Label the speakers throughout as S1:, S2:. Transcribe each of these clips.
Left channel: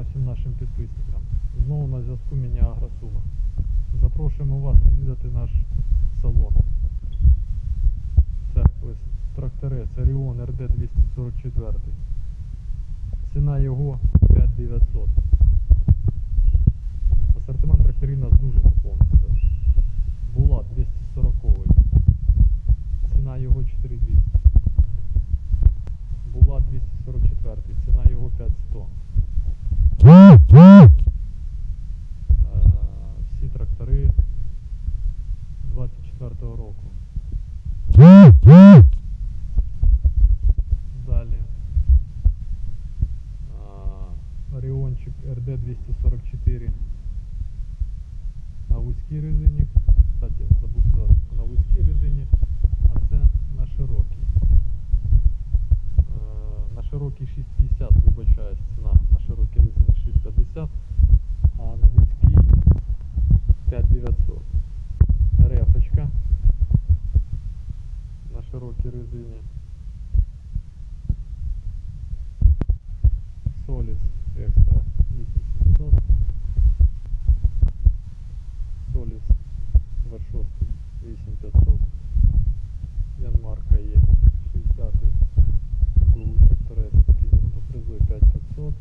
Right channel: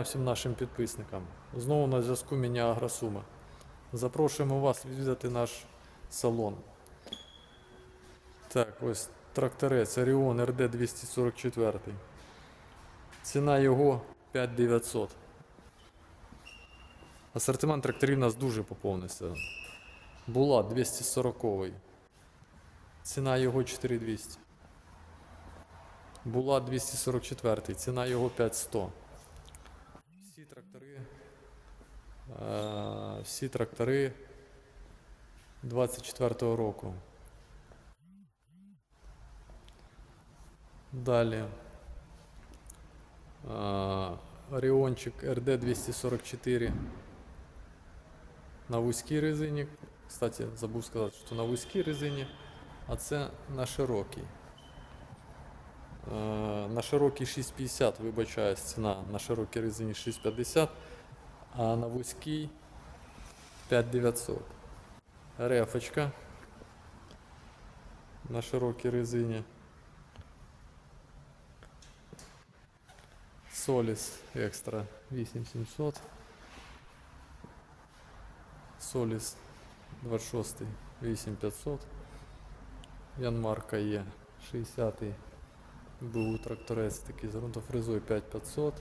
S1: всім нашим підписникам. Знову на зв'язку Міні Агросума. Запрошуємо вас відвідати наш салон. Так, ось тракторець Orion RD 244. Ціна його 5900. Асортимент тракторів у нас дуже поповнився. Була 240. Ціна його 4200. Була 244, ціна його 5100. Е, Всі трактори 24-го року. Далі. е, Оріончик RD 244 на вузькій резині. Кстати, забув сказати, що на вузькій резині, а це на широкій. Е, На широкій 650, вибачаюсь, ціна на широкій резині 650, а на вузькій 5900. Рефочка на широкій резині. Соліс екстра 8700. Соліс 26 8500. Янмарка є 60 БУ тракторець такий з ґрунтофрезою 5500.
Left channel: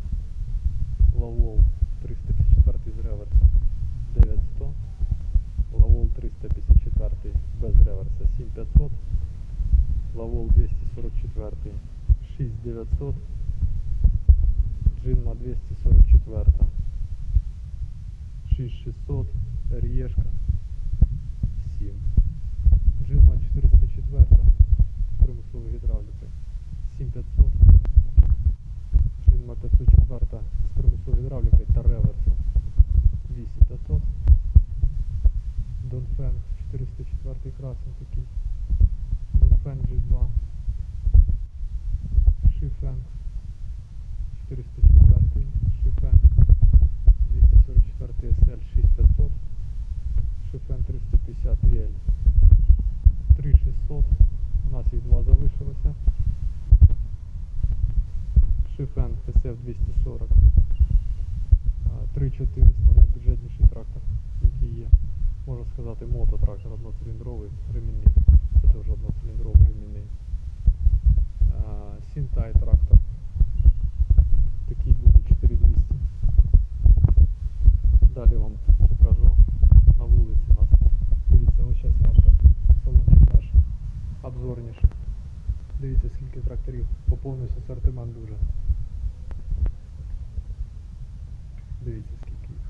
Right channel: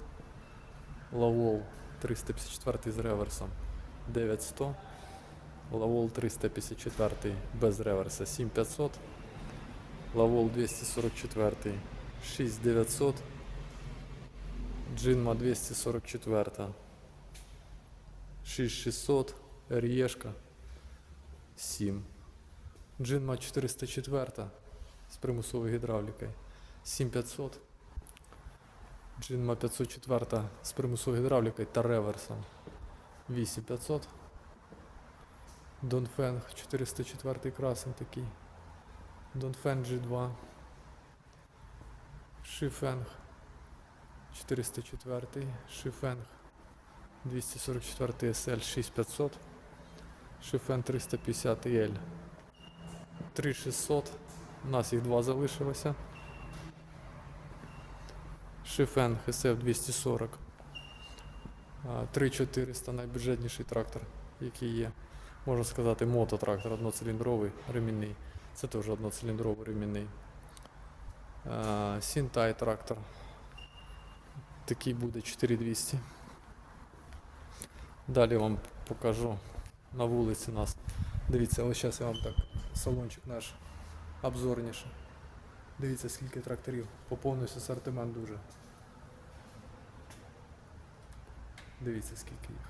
S1: Лавол 354 з реверсом 9100. Лавол 354 без реверса 7500. Лавол 244 6900. Джинма 244 6600. Рієшка 7. Джинма 404 з примусовою гідравлікою 7500. Джинма 504 з примусовою гідравлікою та реверсом 8500. Донфенг 404 красень такий. Донфенг G2. Шифенг 404. Шифенг 244 SL 6500. Шифен 350 L 3600. У нас їх два залишилося. Шифен SF 240. 3400 найбюджетніший трактор, який є. Можна сказати, мототрактор одноциліндровий ремінний. Це теж одноциліндровий ремінний. Сінтай трактор. Такий буде 4200. Далі вам покажу на вулиці нас. Дивіться, ось зараз я вам так салончик наш обзорніше. Дивіться, скільки тракторів. Поповнився асортимент дуже. Дивіться, скільки їх.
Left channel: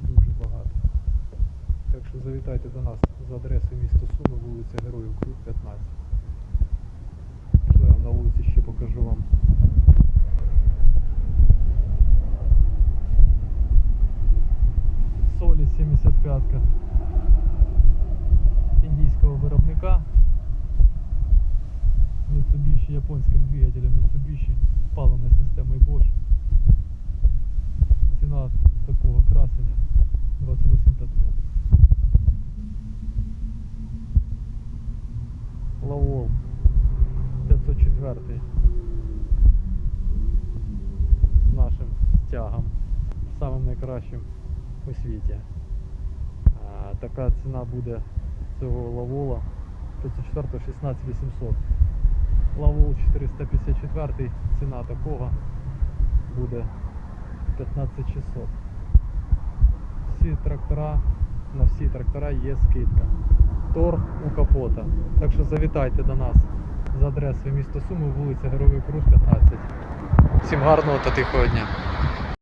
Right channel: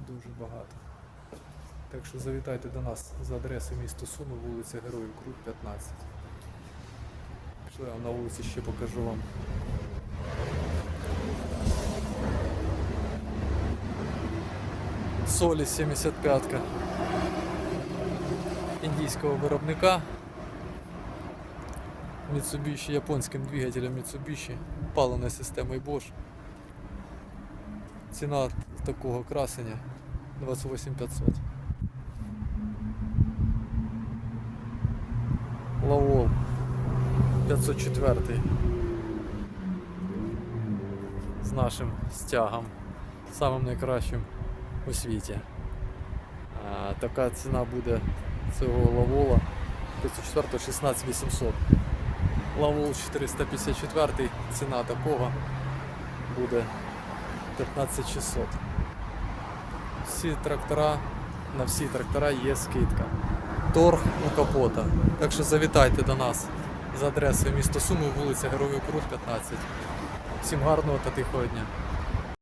S1: Дуже багато. Так що завітайте до нас за адресою місто Суми, вулиця Героїв Круг 15. Пішли на вулиці ще покажу вам. Солі 75-ка індійського виробника. Mitsubishi японським двигателем Mitsubishi, паливною системою Bosch. Ціна такого красення 28500. Лавол 504 з нашим стягом, самим найкращим у світі. А, така ціна буде цього лавола 504 16800. Лавол 454, ціна такого буде 15600. Всі трактора, на всі трактора є скидка. Торг у капота. Так що завітайте до нас за адресою місто Суми, вулиця Героїв Круг 15. Всім гарного та тихого дня.